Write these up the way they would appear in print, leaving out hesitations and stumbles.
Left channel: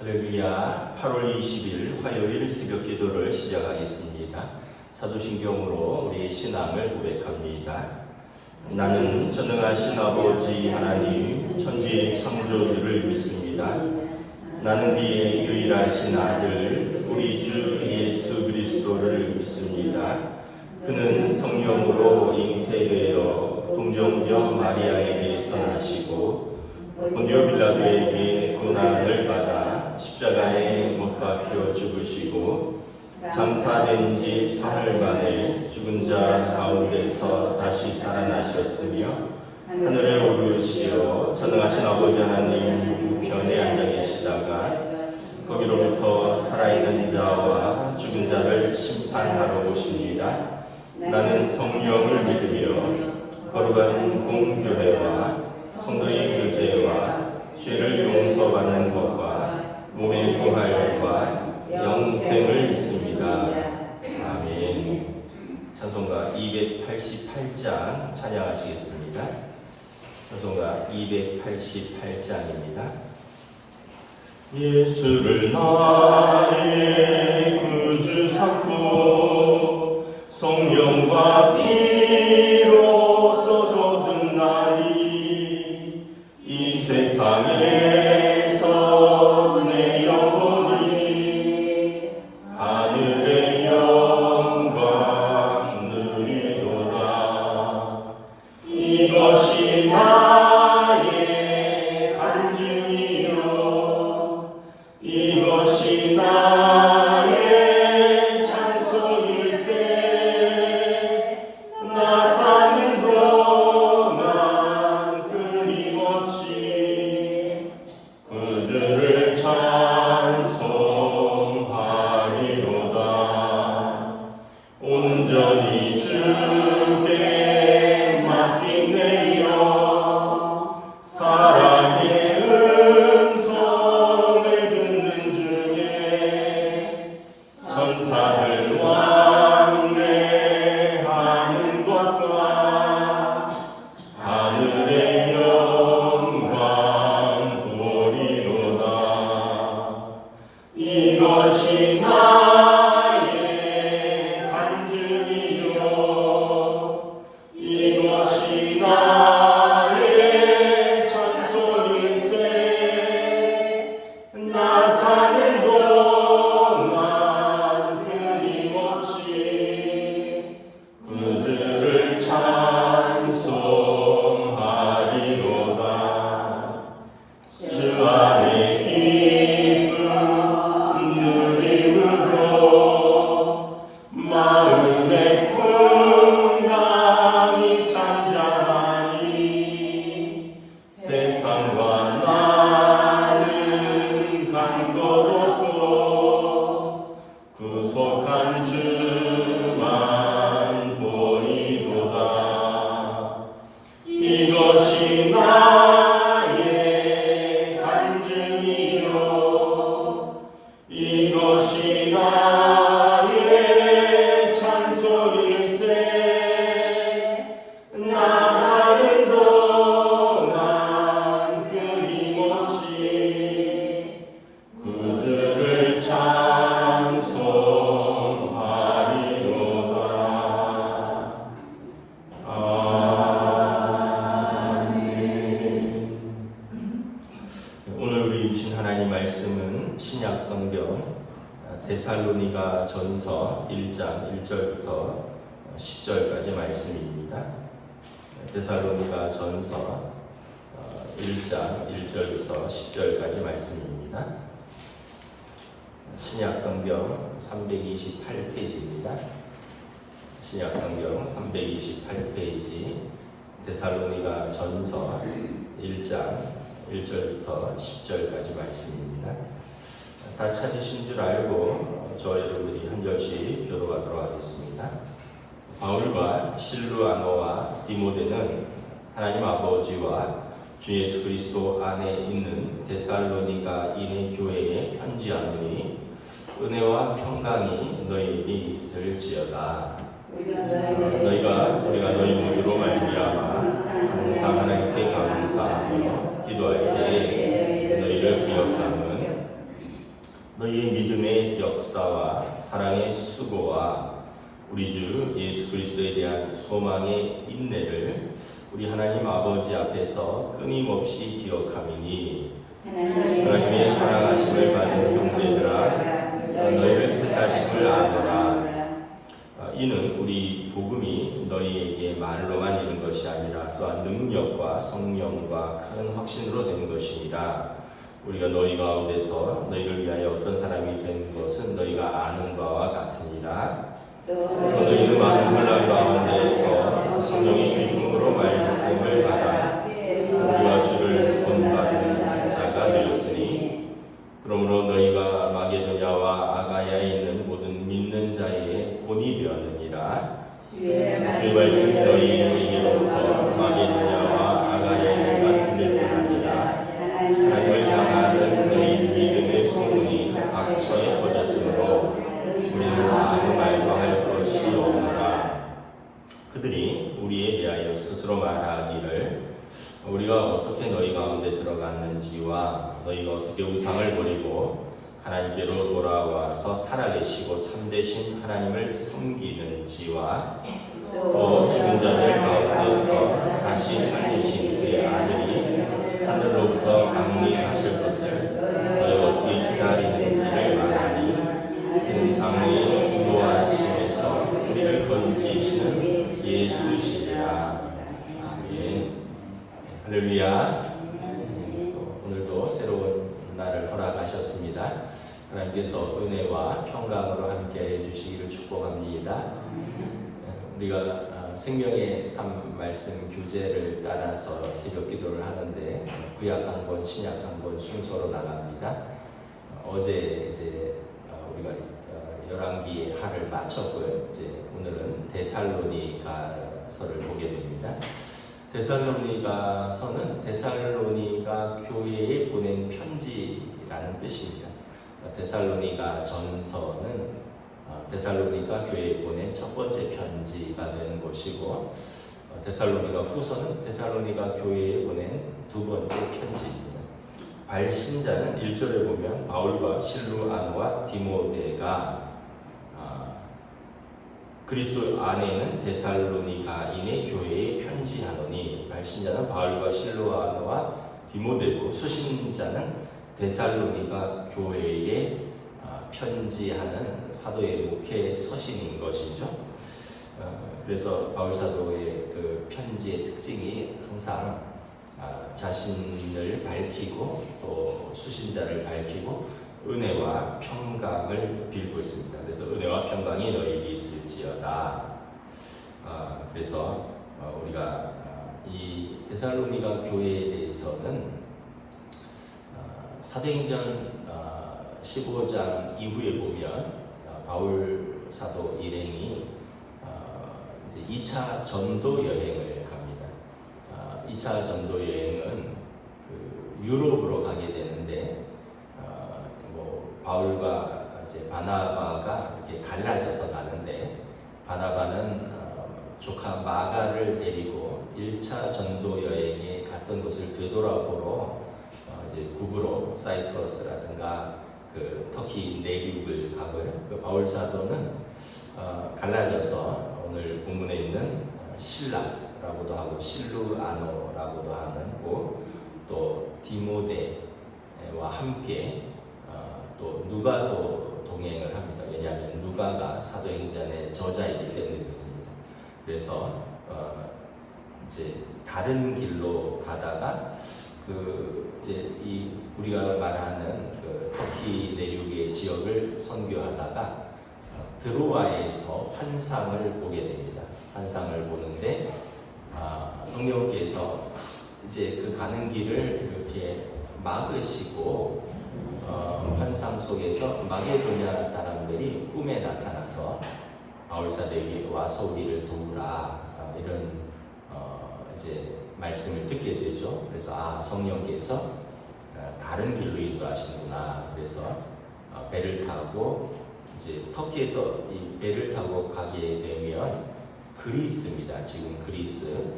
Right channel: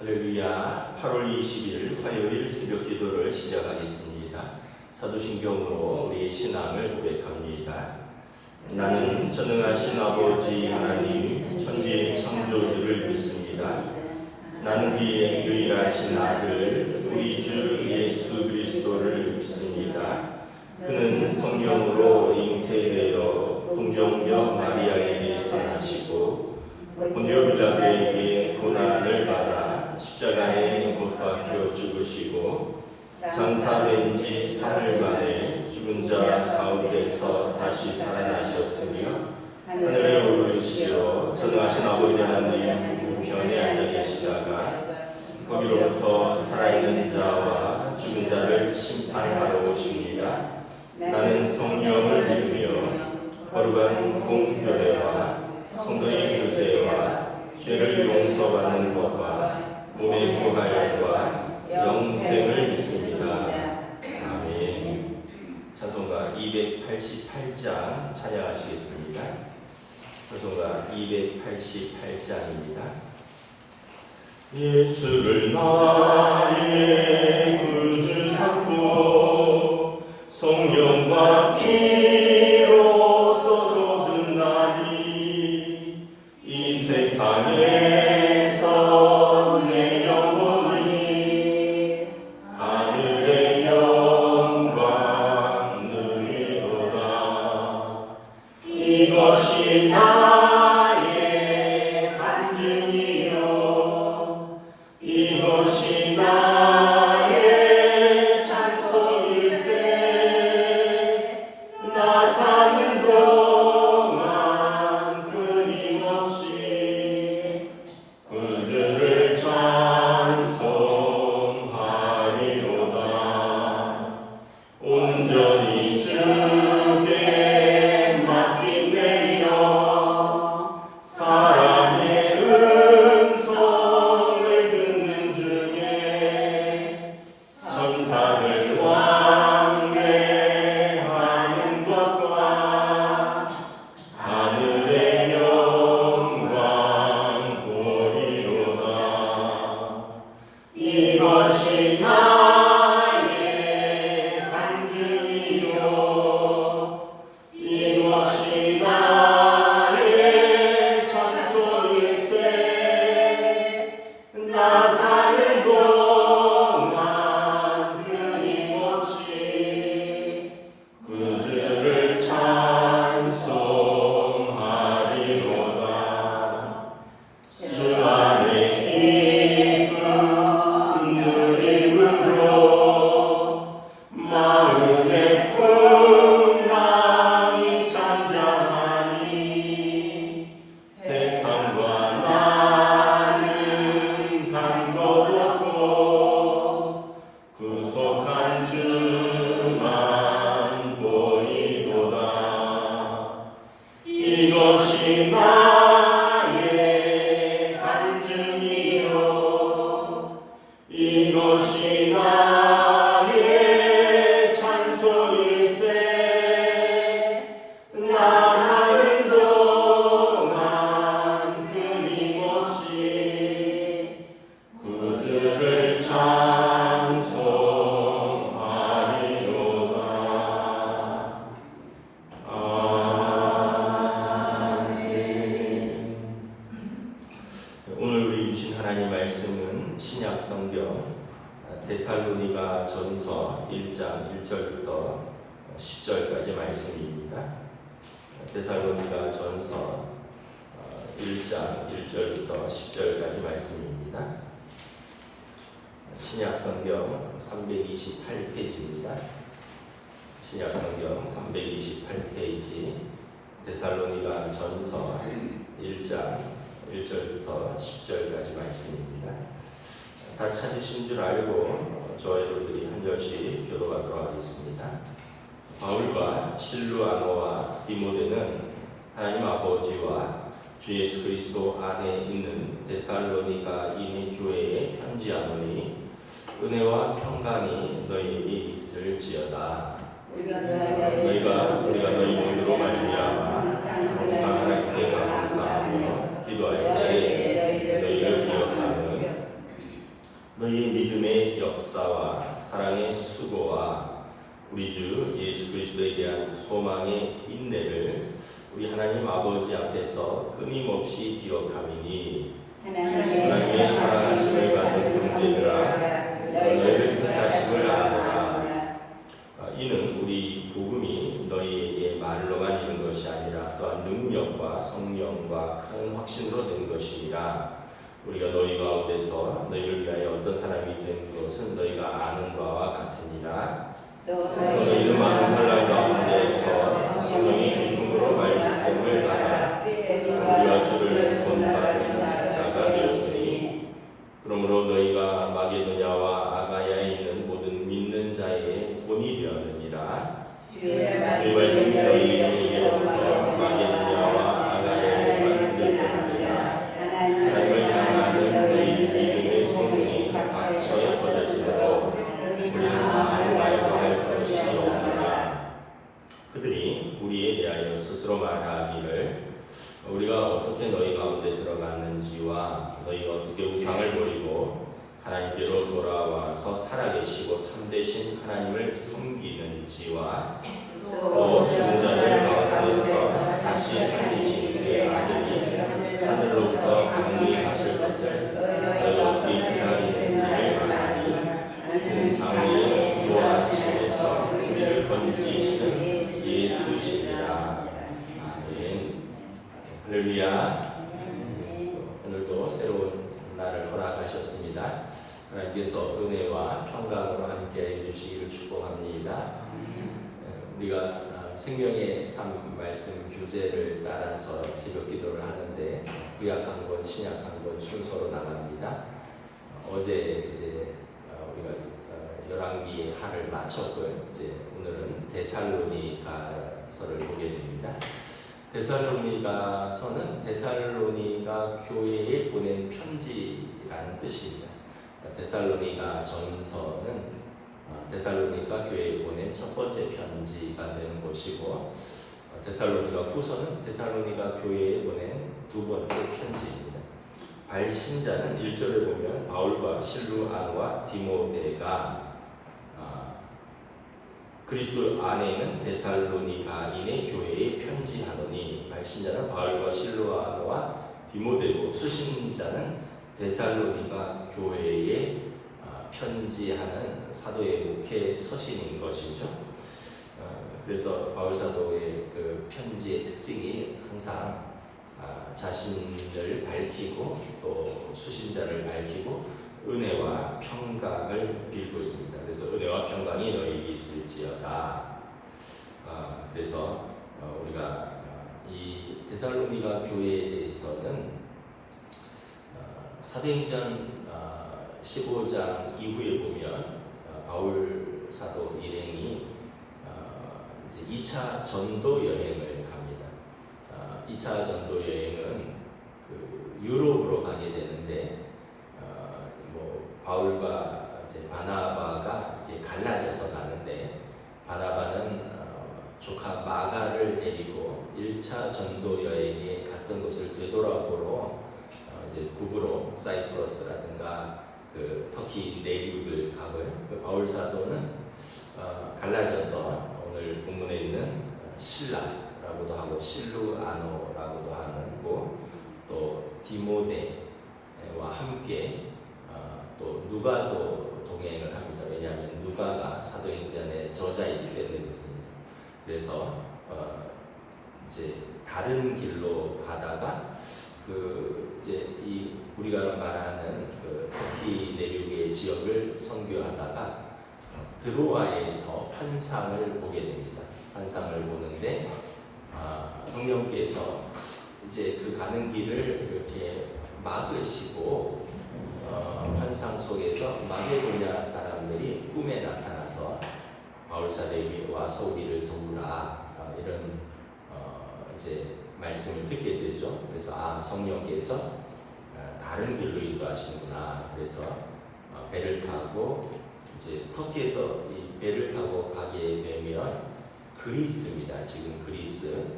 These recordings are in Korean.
할렐루야. 8월 20일 화요일 새벽 기도를 시작하겠습니다. 사도신경으로 우리의 신앙을 고백합니다. 나는 전능하신 아버지 하나님 천지의 창조주를 믿습니다. 나는 그의 유일하신 아들 우리 주 예수 그리스도를 믿습니다. 그는 성령으로 잉태되어 동정녀 마리아에게서 나시고 본디오 빌라도에게 고난을 받아 십자가에 못 박혀 죽으시고 장사된 지 사흘 만에 죽은 자 가운데서 다시 살아나셨으며 하늘에 오르시어 전능하신 아버지 하나님 우편에 앉아 계시다가 거기로부터 살아있는 자와 죽은 자를 심판하러 오십니다. 나는 성령을 믿으며 거룩한 공교회와 성도의 교제와 죄를 용서받는 것과 몸의 부활과 영생을 믿습니다. 아멘. 찬송가 288장 찬양하시겠습니다. 찬송가 288장입니다. 예수를 나의 구주 삼고 성령과 피로서 거듭나니 이 세상에서 내 영혼이 하늘의 영광 누리도다. 이것이 나의 간증이요 이것이 나의 찬송일세. 나 사는 동안 끊임없이 그들을 찬송하리로다. 온전히 주께 맡기네요. 사랑의 음성을 듣는 중에 천사들 왕래하는 것과 하늘의 영광 보리로다. 이것이 나의 간증이요 이것이 나의 찬송일세. 나 사는 동안 끊임없이 그들을 찬송하리로다. 주 안에 기쁨 누림으로 마음의 풍랑이 잔잔하니 세상과 나는 간 것 없고 구속한 주만 보이도다. 이것이 나의 간증이요 이것이 나의 찬송일세. 나 사는 동안 끊임없이 그들을 찬송하리로다. 아멘. 오늘 우리 주신 하나님 말씀은 신약 성경 데살로니가 전서 1장 1절부터 10절까지 말씀입니다. 데살로니가 전서 1장 1절부터 10절까지 말씀입니다. 신약 성경 328페이지입니다. 신약 성경 328페이지 데살로니가 전서 1장 1절부터 10절까지 말씀입니다. 다 찾으신 줄 알고 저와 여러분들이 한 절씩 교도하도록 하겠습니다. 바울과 실루아노와 디모데는 하나님 아버지와 주 예수 그리스도 안에 있는 데살로니가 인의 교회에 편지하노니 은혜와 평강이 너희에게 있을지어다. 우리가 너희 모두로 말미암아 항상 하나님께 감사하며 기도할 때에 너희를 기억하는 너희의 믿음의 역사와 사랑의 수고와 우리 주 예수 그리스도에 대한 소망의 인내를 우리 하나님 아버지 앞에서 끊임없이 기억하미니 하나님의 사랑하심을 받은 형제들아 너희를 택하심을 아노라. 이는 우리 복음이 너희에게 말로만 이른 것이 아니라 또한 능력과 성령과 큰 확신으로 된 것이니라. 우리가 너희 가운데서 너희를 위하여 어떤 사람이 된 것은 너희가 아는 바와 같으니라. 너희는 많은 혼란 가운데서 성령의 기쁨으로 말씀을 받아 우리와 주를 본받는 자가 되었으니 그러므로 너희가 마게도냐와 아가야에 있는 모든 믿는 자의 본이 되었느니라. 주의 말씀이 너희에게로부터 마게도냐와 아가야에만 들릴 뿐 아니라 하나님을 향하는 너희 믿음의 소문이 각처에 퍼졌으므로 우리는 아무 말도 할 것이 없노라. 그들이 우리에 대하여 스스로 말하기를 우리가 어떻게 너희 가운데 들어갔는지와 너희가 어떻게 우상을 버리고 하나님께로 돌아와서 살아계시고 참되신 하나님을 섬기는지와 또 죽은 자들 가운데서 다시 살리신 그의 아들이 하늘로부터 강림하실 것을 너희가 어떻게 기다리는지를 말하니 이는 장래의 기도하심에서 우리를 건지시는 예수시니라. 아멘. 할렐루야. 오늘도 새로운 날을 허락하셨습니다. 하나님께서 은혜와 평강으로 함께해 주시기를 축복합니다. 우리가 생명의 삶 말씀 교재를 따라서 새벽 기도를 하는데 구약 한 권, 신약 한 권 순서로 나갑니다. 어제 이제 우리가 열왕기의 하를 마쳤고요. 이제 오늘은 데살로니가서를 보게 됩니다. 데살로니가서는 데살로니가 교회에 보낸 편지라는 뜻입니다. 데살로니가 전서는 데살로니가 교회에 보낸 첫 번째 편지가 되는 것이고 데살로니가 후서는 데살로니가 교회에 보낸 두 번째 편지입니다. 발신자는 1절에 보면 바울과 실루아노와 디모데가 그리스도 안에 있는 데살로니가인의 교회에 편지하노니 발신자는 바울과 실루아노와 디모데고 수신자는 데살로니가 교회에 편지하는 사도의 목회 서신인 것이죠. 그래서 바울 사도의 그 편지의 특징이 항상 자신을 밝히고 또 수신자를 밝히고 은혜와 평강을 빌고 있습니다. 그래서 은혜와 평강이 너희에게 있을지어다. 그래서 우리가 이 데살로니가 교회에 대해서는 사도행전 15장 이후에 보면 바울 사도 일행이 이제 2차 전도 여행을 갑니다. 2차 전도 여행은 그 유럽으로 가게 되는데 바울과 이제 바나바가 이렇게 갈라져서 가는데 바나바는 조카 마가를 데리고 1차 전도 여행에 갔던 곳을 되돌아보러 이제 구브로 사이프러스라든가 그 터키 내륙을 가고요. 바울 사도는 갈라져서 오늘 본문에 있는 신라라고도 하고 실루아노라고도 하는 곳, 또 디모데와 함께 또 누가도 동행을 합니다. 왜냐하면 누가가 사도행전의 저자이기 때문에 그렇습니다. 그래서 이제 다른 길로 가다가 그 이제 이 우리가 말하는 그 터키 내륙의 지역을 선교하다가 드로아에서 환상을 보게 됩니다. 환상을 보는데 성령께서 이제 그 가는 길을 이렇게 막으시고 환상 속에서 마게도냐 사람들이 꿈에 나타나서 바울 사도에게 와서 우리를 도우라 이런 이제 말씀을 듣게 되죠. 그래서 성령께서 다른 길로 인도하시는구나. 그래서 배를 타고 이제 터키에서 이 배를 타고 가게 되면 그리스입니다. 지금 그리스.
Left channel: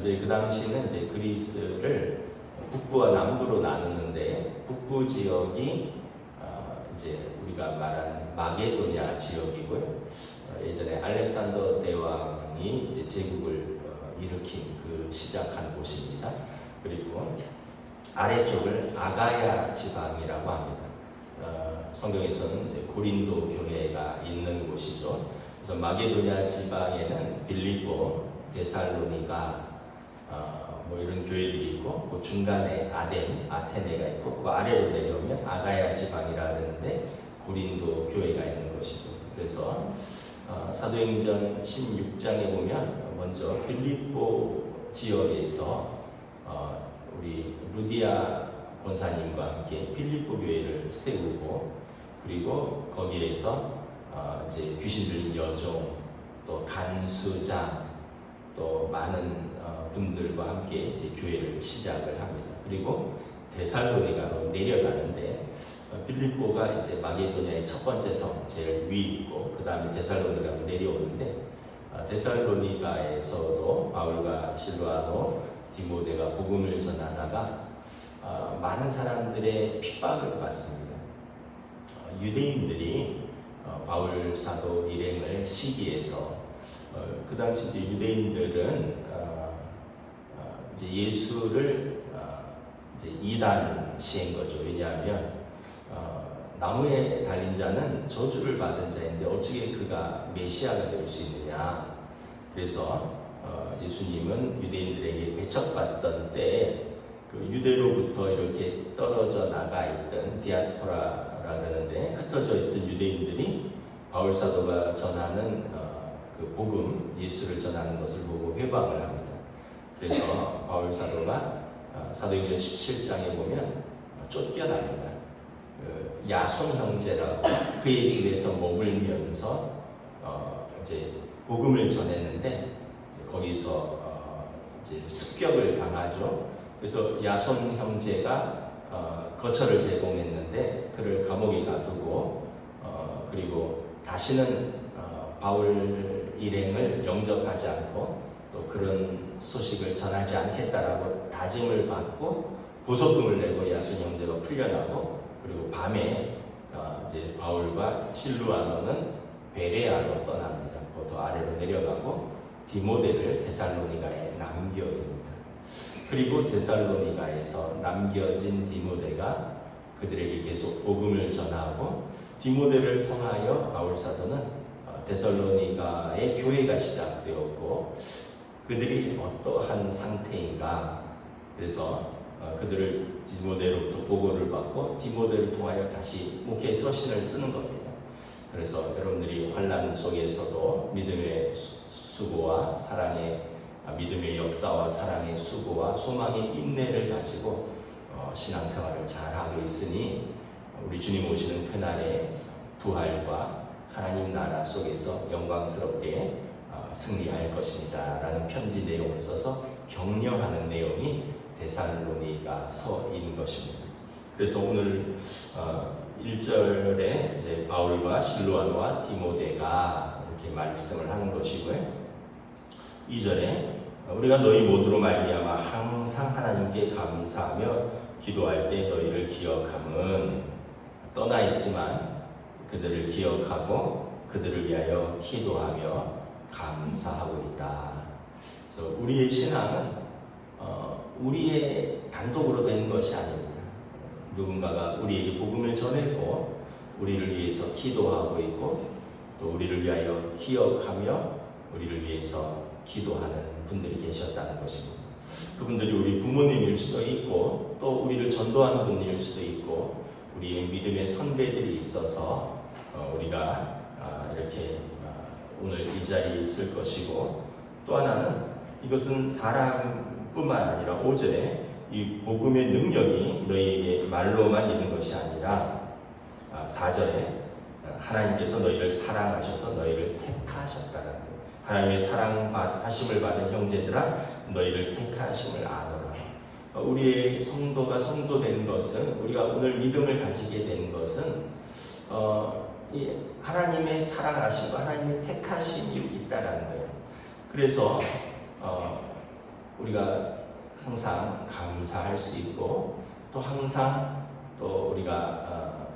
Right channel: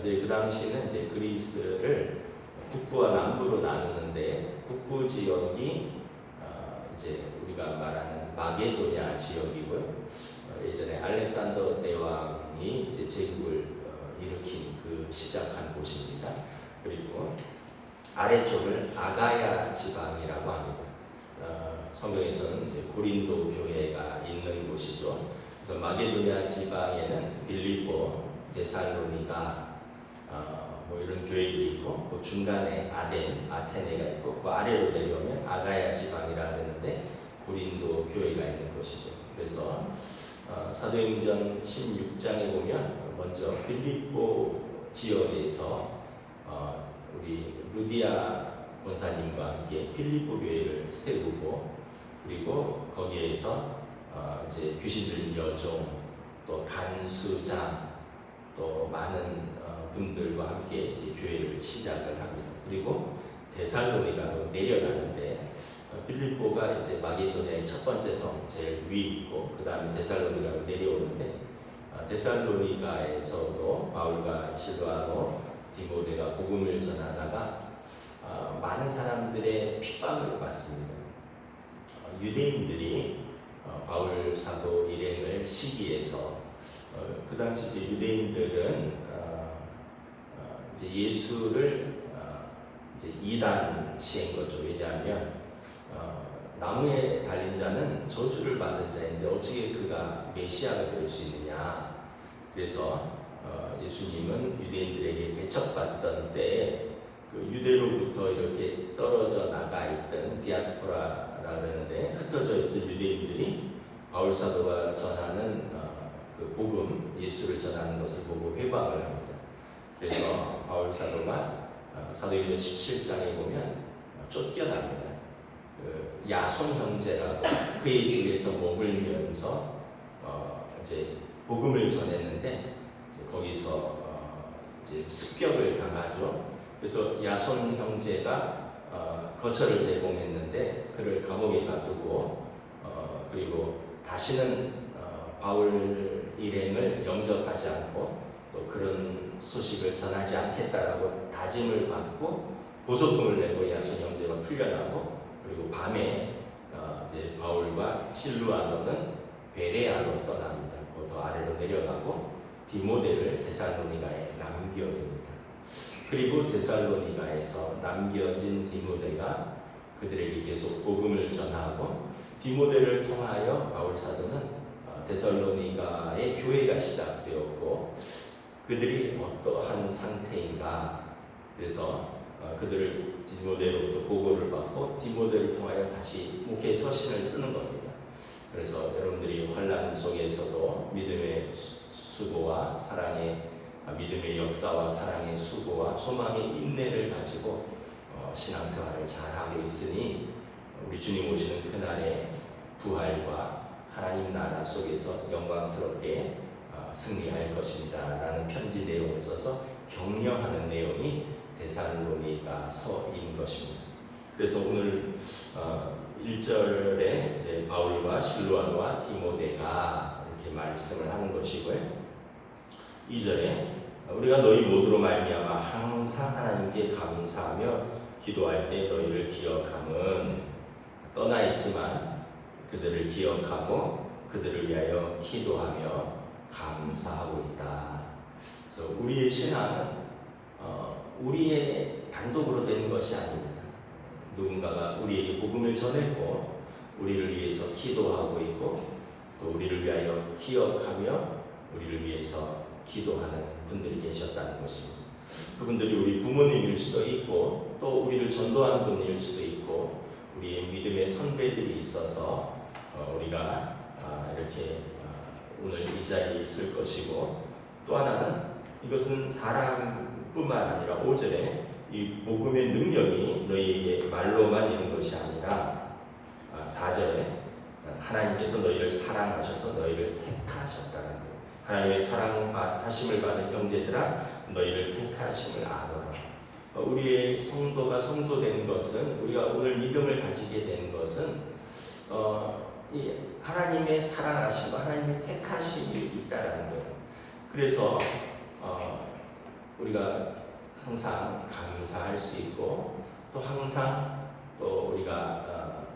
이제 그 당시는 이제 그리스를 북부와 남부로 나누는데 북부 지역이 이제 우리가 말하는 마게도냐 지역이고요. 예전에 알렉산더 대왕이 이제 제국을 일으킨 그 시작한 곳입니다. 그리고 아래쪽을 아가야 지방이라고 합니다. 성경에서는 이제 고린도 교회가 있는 곳이죠. 그래서 마게도냐 지방에는 빌립보, 데살로니가 뭐 이런 교회들이 있고, 그 중간에 아테네가 있고, 그 아래로 내려오면 아가야 지방이라 그러는데 고린도 교회가 있는 곳이죠. 그래서 사도행전 16장에 보면 먼저 빌립보 지역에서 우리 루디아 권사님과 함께 빌립보 교회를 세우고, 그리고 거기에서 이제 귀신 들린 여종, 또 간수장, 또 많은 분들과 함께 이제 교회를 시작을 합니다. 그리고 데살로니가로 내려가는데, 빌립보가 이제 마게도냐의 첫 번째 성, 제일 위이고, 그 다음에 데살로니가로 내려오는데, 데살로니가에서도 바울과 실바노, 디모데가 복음을 전하다가 많은 사람들의 핍박을 받습니다. 유대인들이 바울 사도 일행을 시기해서, 그 당시 이제 유대인들은 이제 예수를 이제 이단시한 거죠. 왜냐하면 나무에 달린 자는 저주를 받은 자인데 어떻게 그가 메시아가 될 수 있느냐. 그래서 예수님은 유대인들에게 배척받던 때에 그 유대로부터 이렇게 떨어져 나가 있던 디아스포라라 그러는데, 흩어져 있던 유대인들이 바울 사도가 전하는 그 복음, 예수를 전하는 것을 보고 회방을 합니다. 그래서 바울 사도가 사도행전 17장에 보면 쫓겨납니다. 야손 형제라고 그의 집에서 머물면서 이제 복음을 전했는데, 거기서 이제 습격을 당하죠. 그래서 야손 형제가 거처를 제공했는데 그를 감옥에 가두고, 그리고 다시는 바울 일행을 영접하지 않고 또 그런 소식을 전하지 않겠다라고 다짐을 받고 보석금을 내고 야손 형제가 풀려나고, 그리고 밤에 이제 바울과 실루아노는 베레아로 떠납니다. 더 아래로 내려가고 디모데를 데살로니가에 남겨둡니다. 그리고 데살로니가에서 남겨진 디모데가 그들에게 계속 복음을 전하고, 디모데를 통하여 바울 사도는 데살로니가의 교회가 시작되었고, 그들이 어떠한 상태인가. 그래서 그들을 디모데로부터 보고를 받고 디모데를 통하여 다시 목회 서신을 쓰는 겁니다. 그래서 여러분들이 환난 속에서도 믿음의 수고와 사랑의, 믿음의 역사와 사랑의 수고와 소망의 인내를 가지고 신앙생활을 잘하고 있으니 우리 주님 오시는 그날의 부활과 하나님 나라 속에서 영광스럽게 승리할 것입니다 라는 편지 내용을 써서 격려하는 내용이 데살로니가서인 것입니다. 그래서 오늘 1절에 이제 바울과 실로아노와 디모데가 이렇게 말씀을 하는 것이고요. 2절에 우리가 너희 모두로 말미암아 항상 하나님께 감사하며 기도할 때 너희를 기억함은 떠나 있지만 그들을 기억하고 그들을 위하여 기도하며 감사하고 있다. 그래서 우리의 신앙은 우리의 단독으로 된 것이 아닙니다. 누군가가 우리에게 복음을 전했고 우리를 위해서 기도하고 있고 또 우리를 위하여 기억하며 우리를 위해서 기도하는 분들이 계셨다는 것입니다. 그분들이 우리 부모님일 수도 있고 또 우리를 전도하는 분일 수도 있고 우리의 믿음의 선배들이 있어서 우리가 이렇게 오늘 이 자리에 있을 것이고, 또 하나는 이것은 사람뿐만 아니라 5절에 이 복음의 능력이 너희에게 말로만 있는 것이 아니라 4절에 하나님께서 너희를 사랑하셔서 너희를 택하셨다는 거예요. 하나님의 사랑하심을 받은 형제들아 너희를 택하심을 아노라. 우리의 성도가 성도된 것은, 우리가 오늘 믿음을 가지게 된 것은 이 하나님의 사랑하심과 하나님의 택하심이 있다라는 거예요. 그래서 우리가 항상 감사할 수 있고 또 항상 또 우리가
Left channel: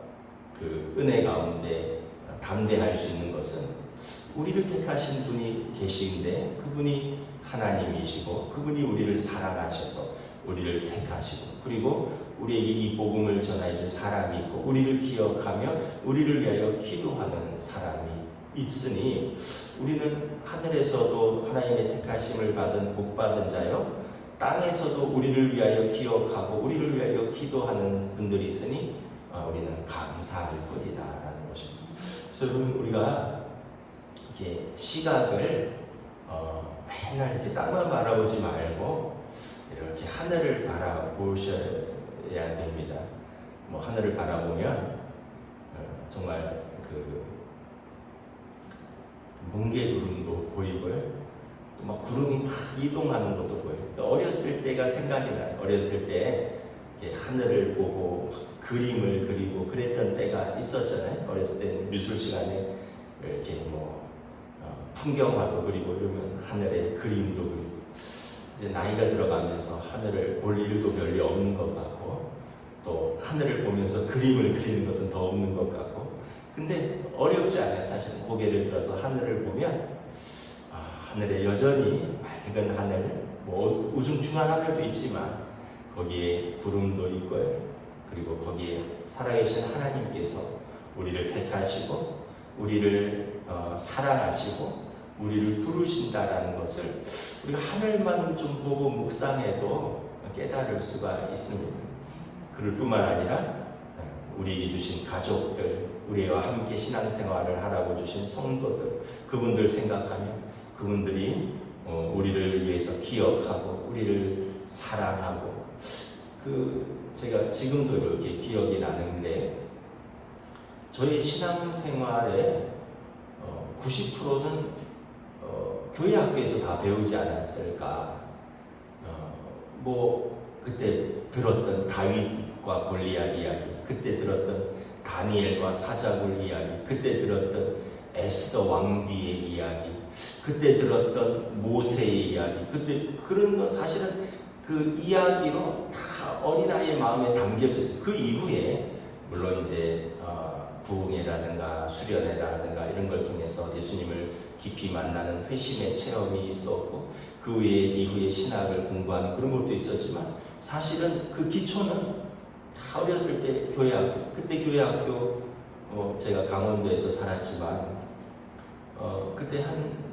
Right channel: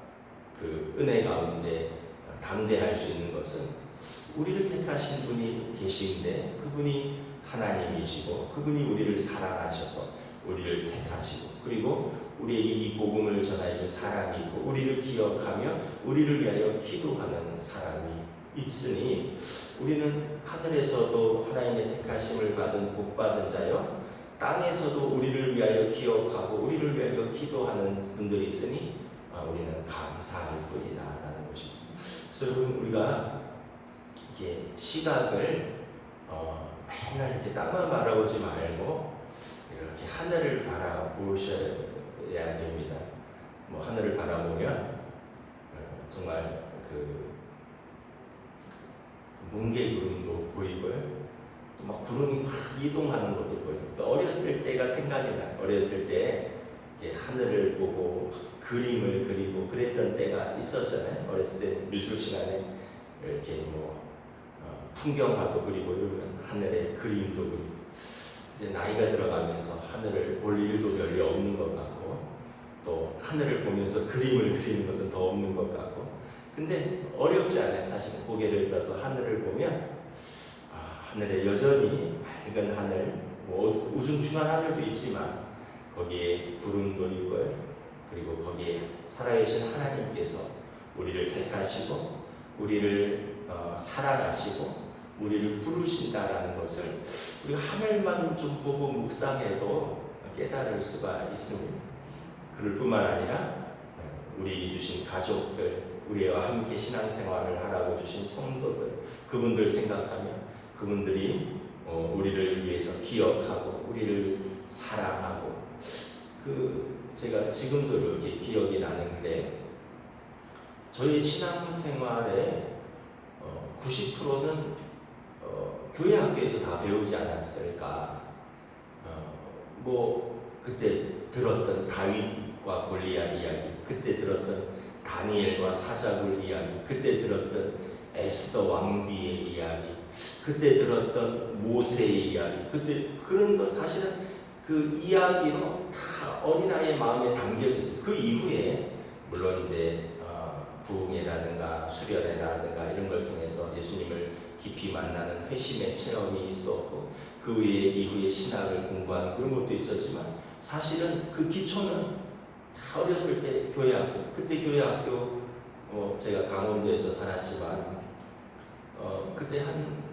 그 그 은혜 가운데 담대할 수 있는 것은 우리를 택하신 분이 계시는데 그분이 하나님이시고 그분이 우리를 사랑하셔서 우리를 택하시고 그리고 우리에게 이 복음을 전하여 준 사람이 있고 우리를 기억하며 우리를 위하여 기도하는 사람이 있으니 우리는 하늘에서도 하나님의 택하심을 받은 복받은 자요 땅에서도 우리를 위하여 기억하고 우리를 위하여 기도하는 분들이 있으니 우리는 감사할 뿐이다라는 것입니다. 그래서 여러분 우리가 이렇게 시각을 맨날 이렇게 땅만 바라보지 말고 이렇게 하늘을 바라보셔야 됩니다. 뭐 하늘을 바라보면 정말 그 뭉게구름도 보이고요. 또 막 구름이 막 이동하는 것도 보여요. 어렸을 때가 생각이 나요. 어렸을 때 이렇게 하늘을 보고 그림을 그리고 그랬던 때가 있었잖아요. 어렸을 때 미술 시간에 이렇게 뭐 풍경화도 그리고 이러면 하늘에 그림도 그리고 이제 나이가 들어가면서 하늘을 볼 일도 별로 없는 것 같고 또 하늘을 보면서 그림을 그리는 것은 더 없는 것 같고 근데 어렵지 않아요. 사실 고개를 들어서 하늘을 보면 하늘에 여전히 맑은 하늘 뭐 우중충한 하늘도 있지만 거기에 구름도 있고요. 그리고 거기에 살아계신 하나님께서 우리를 택하시고 우리를 사랑하시고 우리를 부르신다라는 것을 우리가 하늘만 좀 보고 묵상해도 깨달을 수가 있습니다. 그럴 뿐만 아니라 우리에게 주신 가족들, 우리와 함께 신앙생활을 하라고 주신 성도들, 그분들 생각하며 그분들이 우리를 위해서 기억하고 우리를 사랑하고 제가 지금도 이렇게 기억이 나는데 저희 신앙생활의 90%는 교회 학교에서 다 배우지 않았을까. 뭐 그때 들었던 다윗과 골리앗 이야기, 그때 들었던 다니엘과 사자굴 이야기, 그때 들었던 에스더 왕비의 이야기, 그때 들었던 모세의 이야기, 그때 그런 건 사실은 그 이야기로 다 어린아이의 마음에 담겨져 있어요. 그 이후에 물론 이제 부흥회라든가 수련회라든가 이런 걸 통해서 예수님을 깊이 만나는 회심의 체험이 있었고 그 이후에 신학을 공부하는 그런 것도 있었지만 사실은 그 기초는 다 어렸을 때 교회학교, 그때 교회학교 제가 강원도에서 살았지만 그때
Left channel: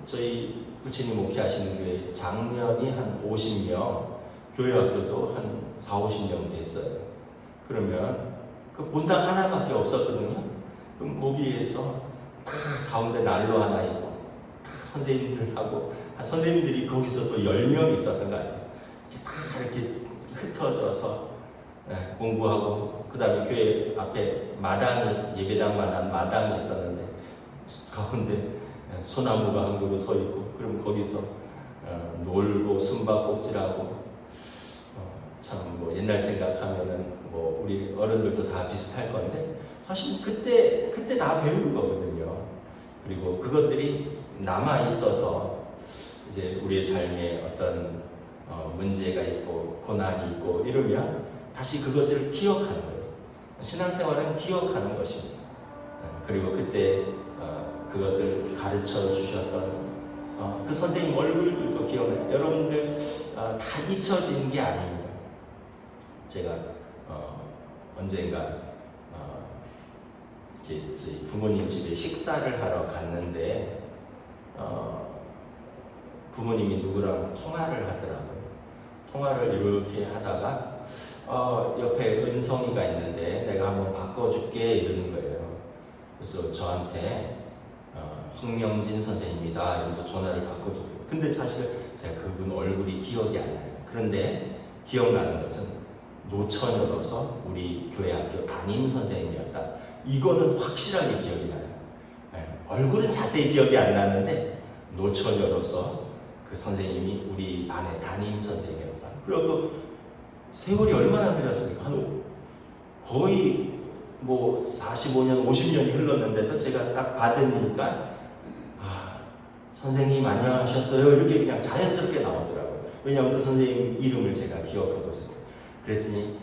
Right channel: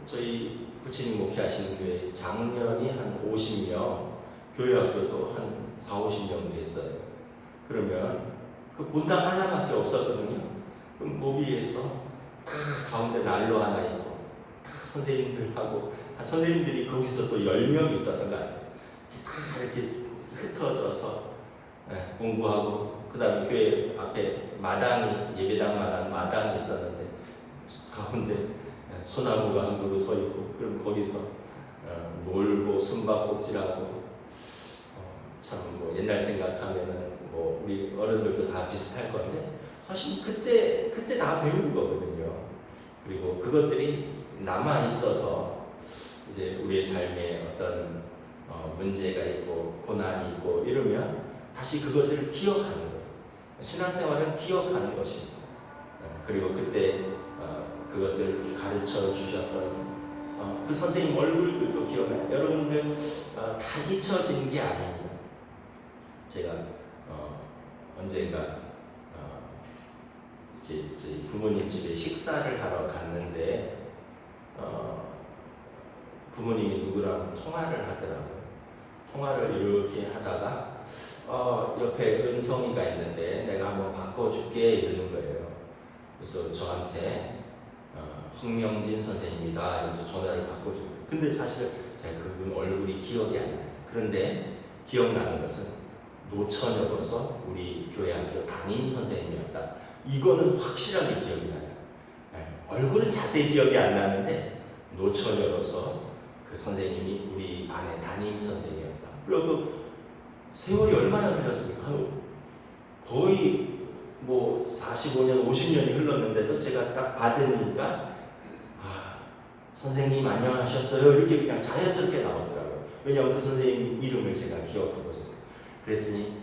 저희 부처님 목회하시는 교회 장년이 한 50명, 교회학교도 한 40-50명 됐어요. 그러면 그 본당 하나밖에 없었거든요. 그럼 거기에서 다 가운데 난로 하나 있고 다 선생님들하고 선생님들이 거기서 또 10명 있었던 것 같아요. 다 이렇게 흩어져서 공부하고 그 다음에 교회 앞에 마당이 예배당 마당이 있었는데 가운데 소나무가 한 그루 서 있고 그럼 거기서 놀고 숨바꼭질하고 참 뭐 옛날 생각하면은 뭐 우리 어른들도 다 비슷할 건데 사실 그때 다 배운 거거든요. 그리고 그것들이 남아 있어서 이제 우리의 삶에 어떤 문제가 있고 고난이 있고 이러면 다시 그것을 기억하는 거예요. 신앙생활은 기억하는 것입니다. 그리고 그때 그것을 가르쳐 주셨던 그 선생님 얼굴들도 기억나요. 여러분들 다 잊혀진 게 아닙니다. 제가 언젠가 이제 저희 부모님 집에 식사를 하러 갔는데 부모님이 누구랑 통화를 하더라고요. 통화를 이렇게 하다가 옆에 은성이가 있는데 내가 한번 바꿔줄게 이러는 거예요. 그래서 저한테 황명진 선생님이다 이러면서 전화를 바꿔줘요. 근데 사실 제가 그분 얼굴이 기억이 안 나요. 그런데 기억나는 것은 노처녀로서 우리 교회 학교 담임 선생님이었다. 이거는 확실하게 기억이 나요. 얼굴은 자세히 기억이 안 나는데 노처녀로서 그 선생님이 우리 반의 담임 선생님이었다. 그리고 그 세월이 얼마나 흘렀습니까? 거의 뭐 45년, 50년이 흘렀는데도 제가 딱 받으니까 선생님 안녕하셨어요? 이렇게 그냥 자연스럽게 나오더라고요. 왜냐하면 그 선생님 이름을 제가 기억하고 있어요. 그랬더니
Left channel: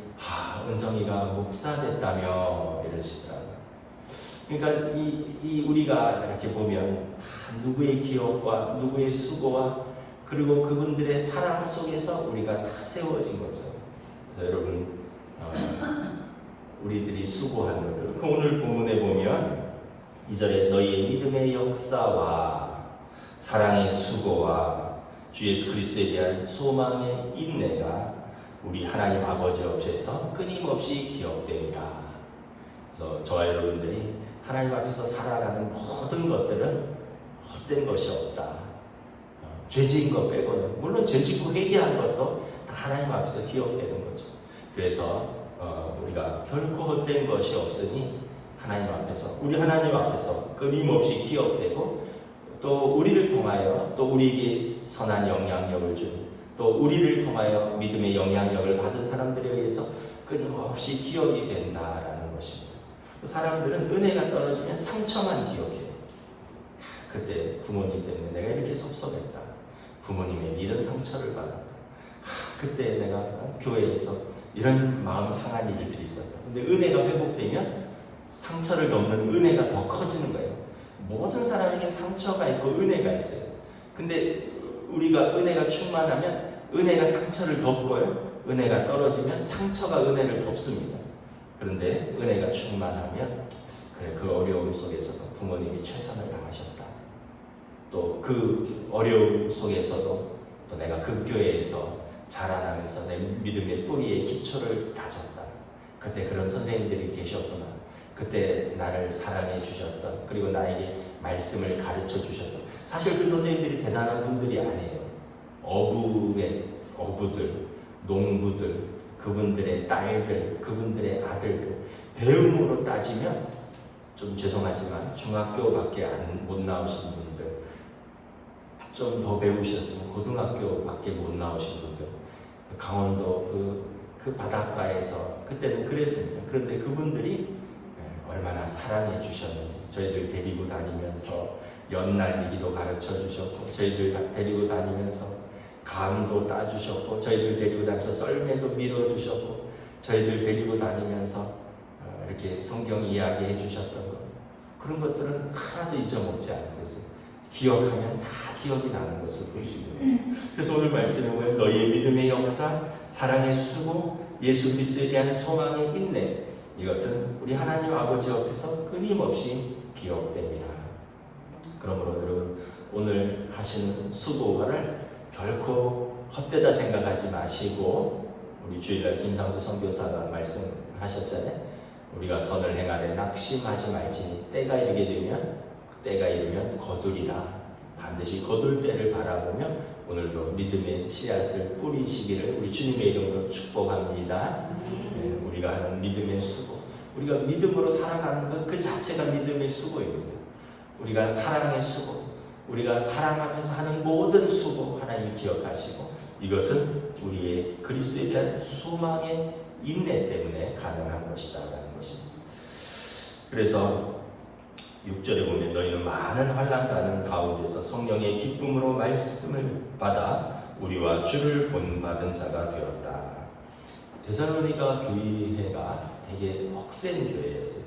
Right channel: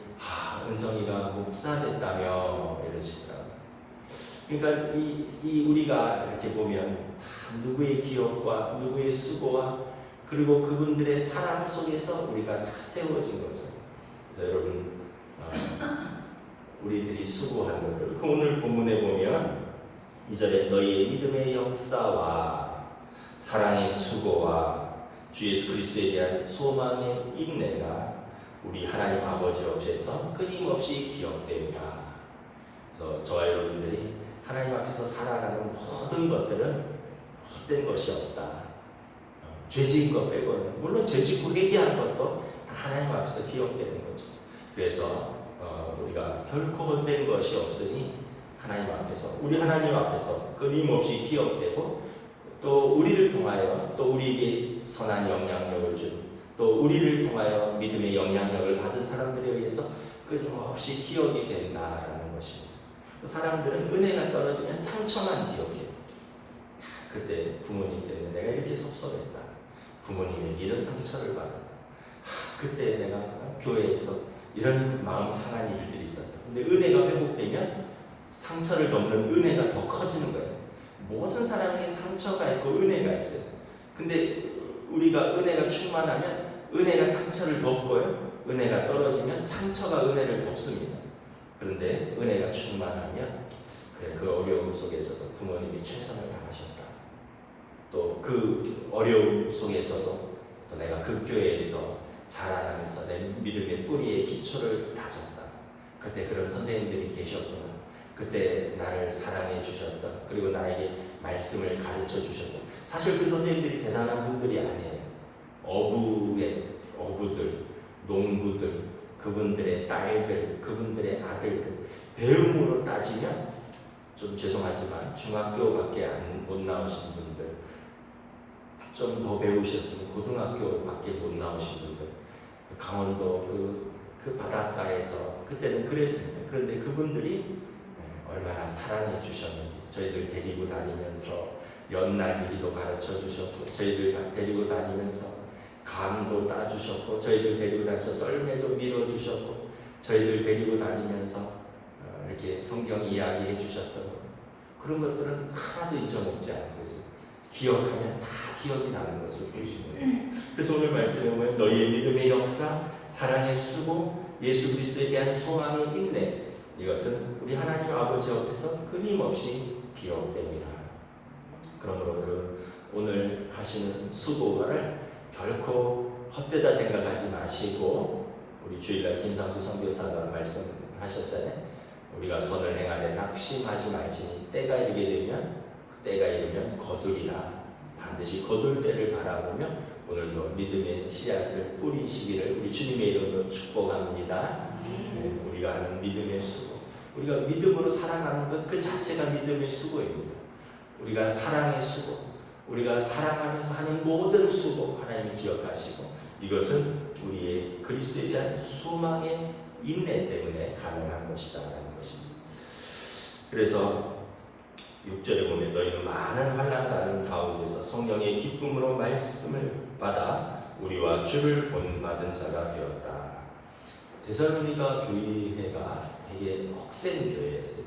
은성이가 목사 됐다며 이러시더라고요. 그러니까 우리가 이렇게 보면 다 누구의 기억과 누구의 수고와 그리고 그분들의 사랑 속에서 우리가 다 세워진 거죠. 그래서 여러분 우리들이 수고한 것들, 그 오늘 본문에 보면 2절에 너희의 믿음의 역사와 사랑의 수고와 주 예수 그리스도에 대한 소망의 인내가 우리 하나님 아버지 앞에서 끊임없이 기억됩니다. 그래서 저와 여러분들이 하나님 앞에서 살아가는 모든 것들은 헛된 것이 없다. 죄지은 것 빼고는, 물론 죄짓고 회개한 것도 다 하나님 앞에서 기억되는 거죠. 그래서 우리가 결코 헛된 것이 없으니 하나님 앞에서, 우리 하나님 앞에서 끊임없이 기억되고, 또 우리를 통하여 또 우리에게 선한 영향력을 준, 또 우리를 통하여 믿음의 영향력을 받은 사람들에 의해서 끊임없이 기억이 된다라는 것입니다. 사람들은 은혜가 떨어지면 상처만 기억해요. 그때 부모님 때문에 내가 이렇게 섭섭했다. 부모님에게 이런 상처를 받았다. 그때 내가 교회에서 이런 마음 상한 일들이 있었다. 근데 은혜가 회복되면 상처를 덮는 은혜가 더 커지는 거예요. 모든 사람에게 상처가 있고 은혜가 있어요. 근데 우리가 은혜가 충만하면 은혜가 상처를 덮고요. 은혜가 떨어지면 상처가 은혜를 덮습니다. 그런데 은혜가 충만하면 그래, 그 어려움 속에서도 부모님이 최선을 다하셨다. 또 그 어려움 속에서도 또 내가 그 교회에서 자라나면서 내 믿음의 뿌리의 기초를 다졌다. 그때 그런 선생님들이 계셨구나. 그때 나를 사랑해 주셨던, 그리고 나에게 말씀을 가르쳐 주셨던, 사실 그 선생님들이 대단한 분들이 아니에요. 어부들, 농부들, 그분들의 딸들, 그분들의 아들들, 배움으로 따지면 좀 죄송하지만 중학교밖에 못 나오신 분들, 좀 더 배우셨으면 고등학교밖에 못 나오신 분들, 강원도 그 바닷가에서 그때는 그랬습니다. 그런데 그분들이 얼마나 사랑해 주셨는지, 저희들 데리고 다니면서 연날리기도 가르쳐 주셨고, 저희들 데리고 다니면서 감도 따주셨고, 저희들 데리고 다니면서 썰매도 밀어주셨고, 저희들 데리고 다니면서 이렇게 성경 이야기해 주셨던 것, 그런 것들은 하나도 잊어먹지 않고 있어요. 기억하면 다 기억이 나는 것을 볼 수 있는 거죠. 그래서 오늘 말씀에 보면 너희의 믿음의 역사, 사랑의 수고, 예수 그리스도에 대한 소망의 인내, 이것은 우리 하나님 아버지 앞에서 끊임없이 기억됩니다. 그러므로 여러분, 오늘 하시는 수고를 결코 헛되다 생각하지 마시고, 우리 주일날 김상수 선교사가 말씀하셨잖아요. 우리가 선을 행하되 낙심하지 말지니 때가 이르면 거두리라. 반드시 거둘 때를 바라보며 오늘도 믿음의 씨앗을 뿌리시기를 우리 주님의 이름으로 축복합니다. 우리가 하는 믿음의 수고, 우리가 믿음으로 살아가는 것 그 자체가 믿음의 수고입니다. 우리가 사랑의 수고, 우리가 사랑하면서 하는 모든 수고 하나님이 기억하시고, 이것은 우리의 그리스도에 대한 소망의 인내 때문에 가능한 것이다라는 것입니다. 그래서 6절에 보면 너희는 많은 환난 가운데서 성령의 기쁨으로 말씀을 받아 우리와 주를 본받은 자가 되었다. 데살로니가 교회가 되게 억센 교회였어요.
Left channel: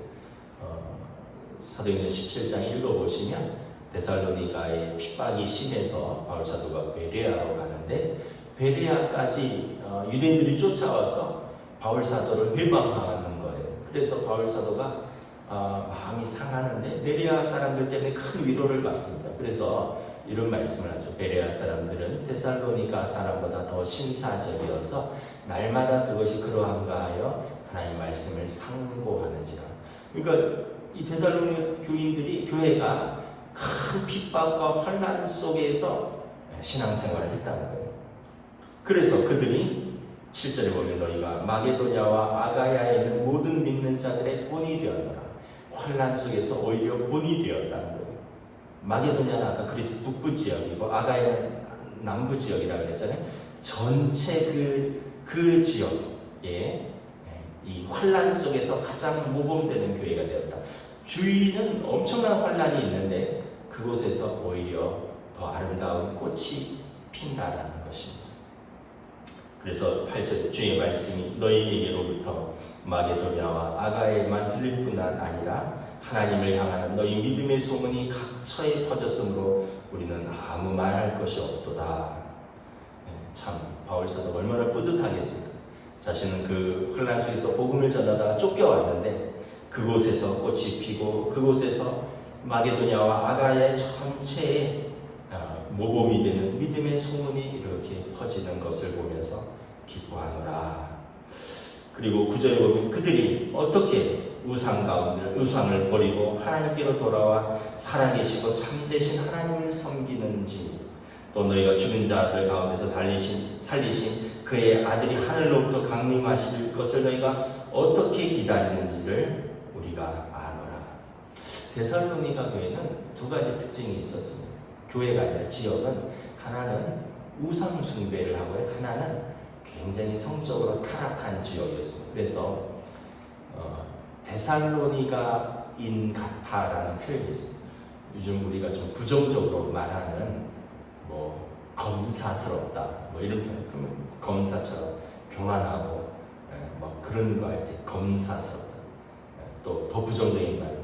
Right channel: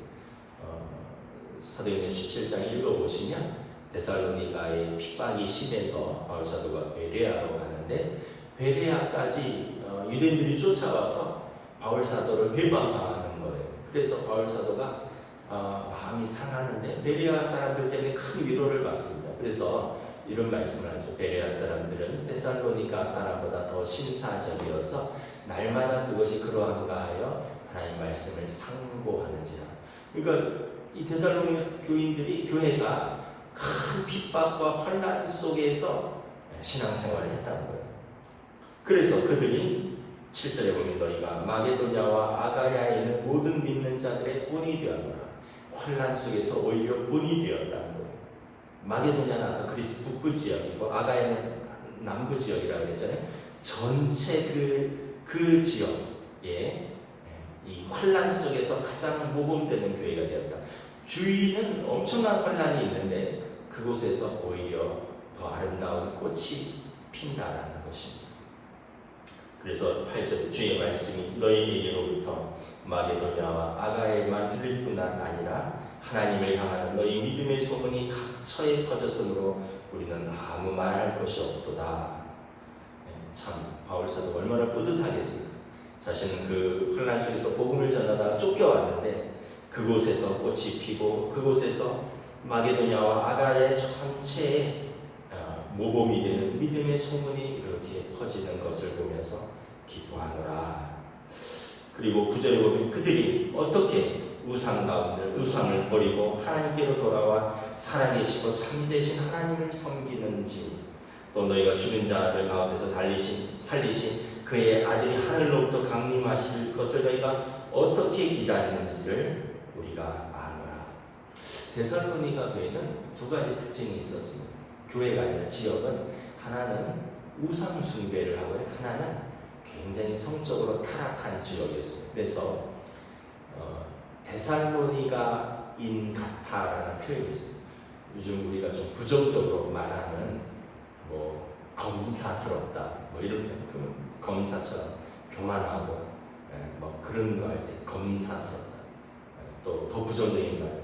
사도행전 17장 읽어보시면 데살로니가의 핍박이 심해서 바울사도가 베레아로 가는데, 베레아까지 유대인들이 쫓아와서 바울사도를 회방하는 거예요. 그래서 바울사도가 마음이 상하는데 베레아 사람들 때문에 큰 위로를 받습니다. 그래서 이런 말씀을 하죠. 베레아 사람들은 데살로니가 사람보다 더 신사적이어서 날마다 그것이 그러한가 하여 하나님 말씀을 상고하는지라. 그러니까 이 데살로니가 교회가 큰 핍박과 환난 속에서 신앙생활을 했다는 거예요. 그래서 그들이 7절에 보면 너희가 마게도냐와 아가야에 있는 모든 믿는 자들의 본이 되었노라. 환난 속에서 오히려 본이 되었다는 거예요. 마게도냐는 아까 그리스 북부 지역이고 아가야는 남부 지역이라고 그랬잖아요. 전체 그 지역에 이 환난 속에서 가장 모범되는 교회가 되었다. 주위는 엄청난 환난이 있는데 그곳에서 오히려 더 아름다운 꽃이 핀다라는 것입니다. 그래서 8절에 주의 말씀이 너희에게로부터 마게도냐와 아가야에만 들릴 뿐 아니라 하나님을 향하는 너희 믿음의 소문이 각처에 퍼졌으므로 우리는 아무 말할 것이 없도다. 참 바울사도 얼마나 뿌듯하겠습니까? 자신은 그 혼란 속에서 복음을 전하다가 쫓겨왔는데 그곳에서 꽃이 피고 그곳에서 마게도냐와 아가야의 전체에 모범이 되는 믿음의 소문이 이렇게 퍼지는 것을 보면서 기뻐하노라. 그리고 9절에 보면 그들이 어떻게 우상을 버리고 하나님께로 돌아와 살아계시고 참되신 하나님을 섬기는지, 또 너희가 죽은 자들 가운데서 살리신 그의 아들이 하늘로부터 강림하실 것을 너희가 어떻게 기다리는지를 우리가 아노라. 데살로니가 교회는 두 가지 특징이 있었습니다. 교회가 아니라 지역은 하나는 우상 숭배를 하고요, 하나는 굉장히 성적으로 타락한 지역이었습니다. 그래서 데살로니가인 같아라는 표현이 있습니다. 요즘 우리가 좀 부정적으로 말하는 검사스럽다 이런 표현. 그러면 검사처럼 교만하고 그런 거 할 때 검사스럽다. 또 더 부정적인 말,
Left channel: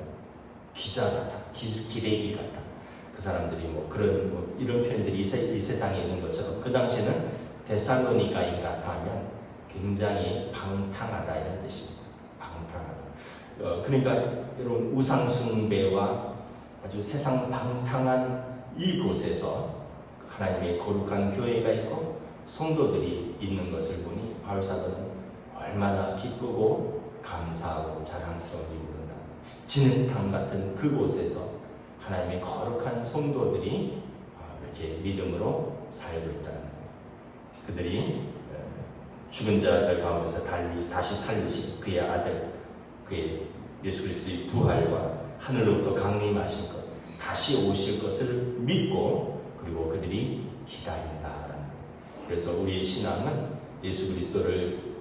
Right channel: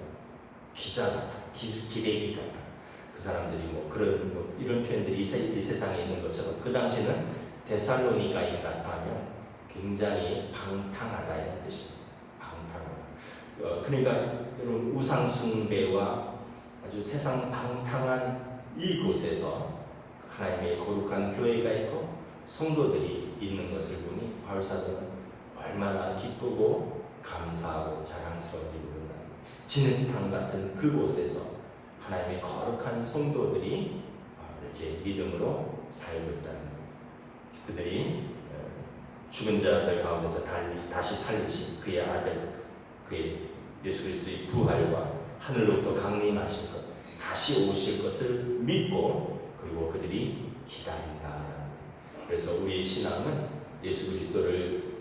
기자 같다, 기레기 같다. 그 사람들이 이런 표현들이 이 세상에 있는 것처럼 그 당시에는 데살로니가인 같아 하면 굉장히 방탕하다 이런 뜻입니다. 방탕하다. 그러니까 이런 우상 숭배와 아주 세상 방탕한 이곳에서 하나님의 거룩한 교회가 있고 성도들이 있는 것을 보니 바울사도는 얼마나 기쁘고 감사하고 자랑스러운지 모른다는 거예요. 진흙탕 같은 그곳에서 하나님의 거룩한 성도들이 이렇게 믿음으로 살고 있다는 거예요. 그들이 죽은 자들 가운데서 다시 살리신 그의 아들, 그의 예수 그리스도의 부활과 하늘로부터 강림하신 것, 다시 오실 것을 믿고 그리고 그들이 기다린다라는 거예요. 그래서 우리의 신앙은 예수 그리스도를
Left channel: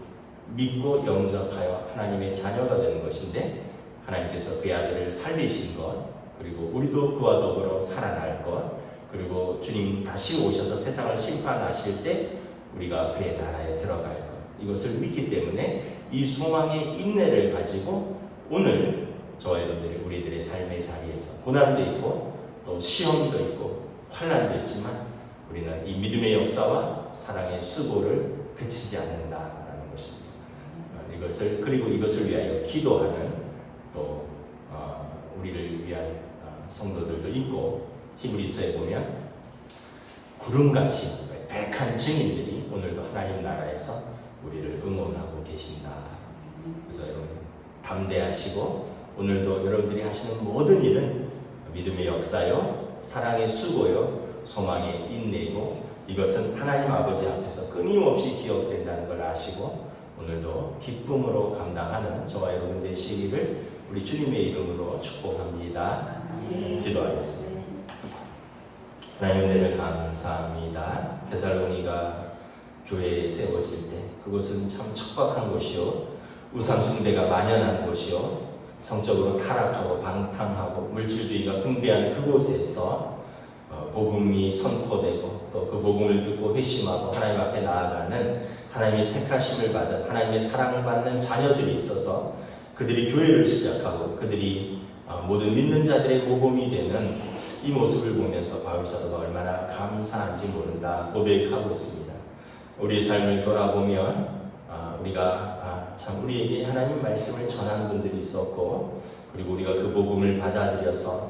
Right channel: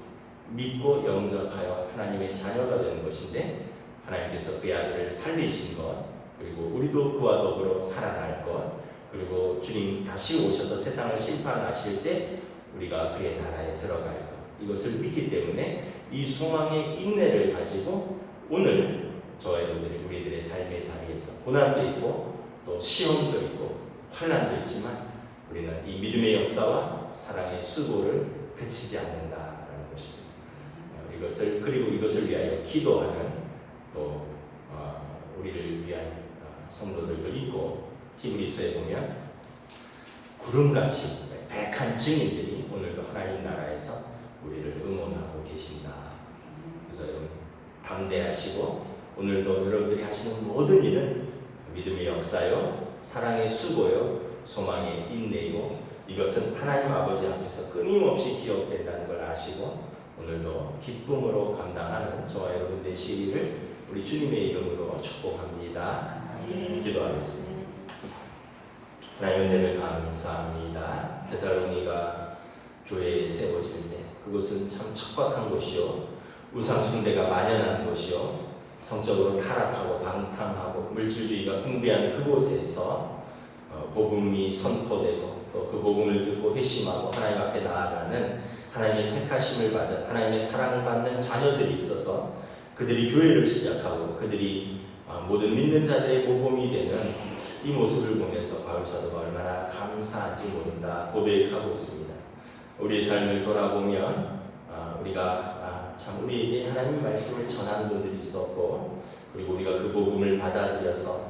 믿고 영접하여 하나님의 자녀가 되는 것인데, 하나님께서 그의 아들을 살리신 것, 그리고 우리도 그와 더불어 살아날 것, 그리고 주님 다시 오셔서 세상을 심판하실 때 우리가 그의 나라에 들어갈 것, 이것을 믿기 때문에 이 소망의 인내를 가지고 오늘 저와 여러분들이 우리들의 삶의 자리에서 고난도 있고 또 시험도 있고 환난도 있지만 우리는 이 믿음의 역사와 사랑의 수고를 그치지 않는다라는 것입니다. 그리고 이것을 위하여 기도하는 또 우리를 위한 성도들도 있고, 히브리서에 보면 구름같이 백한 증인들이 오늘도 하나님 나라에서 우리를 응원하고 계신다. 그래서 여러분 담대하시고 오늘도 여러분들이 하시는 모든 일은 믿음의 역사요, 사랑의 수고요, 소망의 인내이고, 이것은 하나님 아버지 앞에서 끊임없이 기억된다는 걸 아시고 오늘도 기쁨으로 감당하는 저와 여러분 되시기를 우리 주님의 이름으로 축복합니다. 기도하겠습니다. 하나님 은혜를 감사합니다. 데살로니가 교회에 세워질 때 그곳은 참 척박한 곳이요, 우상 숭배가 만연한 곳이요, 성적으로 타락하고 방탕하고 물질주의가 숭배한 그곳에서 복음이 선포되고 또 그 복음을 듣고 회심하고 하나님 앞에 나아가는 하나님의 택하심을 받은 하나님의 사랑받는 자녀들이 있어서 그들이 교회를 시작하고 그들이 모든 믿는 자들의 모범이 되는 이 모습을 보면서 바울사도가 얼마나 감사한지 모른다 고백하고 있습니다. 우리의 삶을 돌아보면 우리가 참 우리에게 하나님 말씀을 전하는 분들이 있었고, 그리고 우리가 그 복음을 받아들여서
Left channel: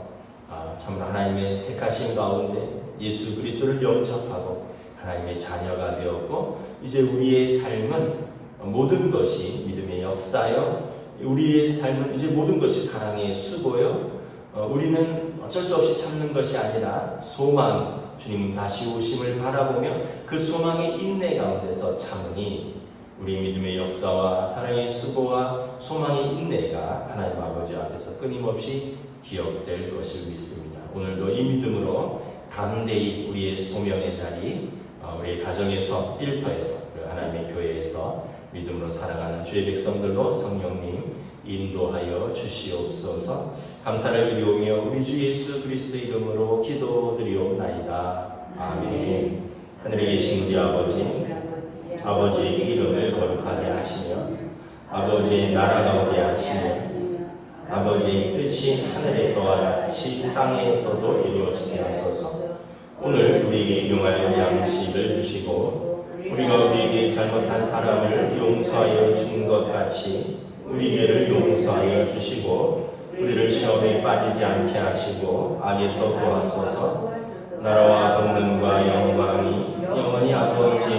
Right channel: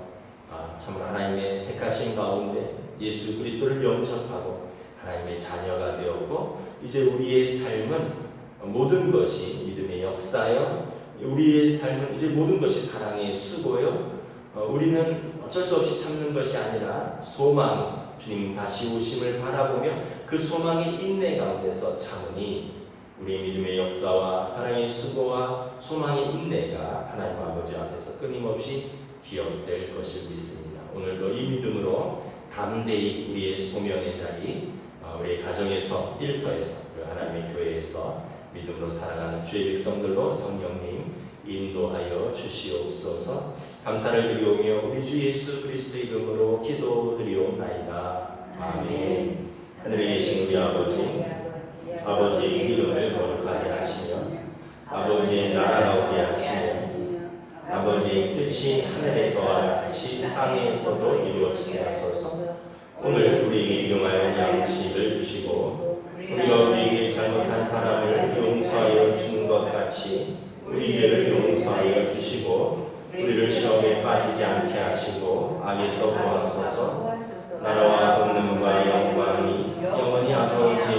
참으로 하나님의 택하신 가운데 예수 그리스도를 영접하고 하나님의 자녀가 되었고, 이제 우리의 삶은 모든 것이 믿음의 역사요, 우리의 삶은 이제 모든 것이 사랑의 수고요, 우리는 어쩔 수 없이 참는 것이 아니라 소망, 주님 다시 오심을 바라보며 그 소망의 인내 가운데서 참으니 우리의 믿음의 역사와 사랑의 수고와 소망의 인내가 하나님 아버지 앞에서 끊임없이 기억될 것을 믿습니다. 오늘도 이 믿음으로 담대히 우리의 소명의 자리, 우리의 가정에서, 일터에서, 하나님의 교회에서 믿음으로 살아가는 주의 백성들로 성령님 인도하여 주시옵소서. 감사를 드리오며 우리 주 예수 그리스도 이름으로 기도드리옵나이다. 아멘. 하늘에 계신 우리 아버지의 이름을 거룩하게 하시며 아버지의 나라가 오게 하시며 아버지의 뜻이 하늘에서와 같이 땅에서도 이루어지게 하소서. 오늘 우리에게 일용할 양식을 주시고 우리가 우리에게 잘못한 사람을 용서하여 준 것 같이 우리 죄를 용서하여 주시고 우리를 시험에 빠지지 않게 하시고 악에서 구하소서. 나라와 권능과 영광이 영원히 아버지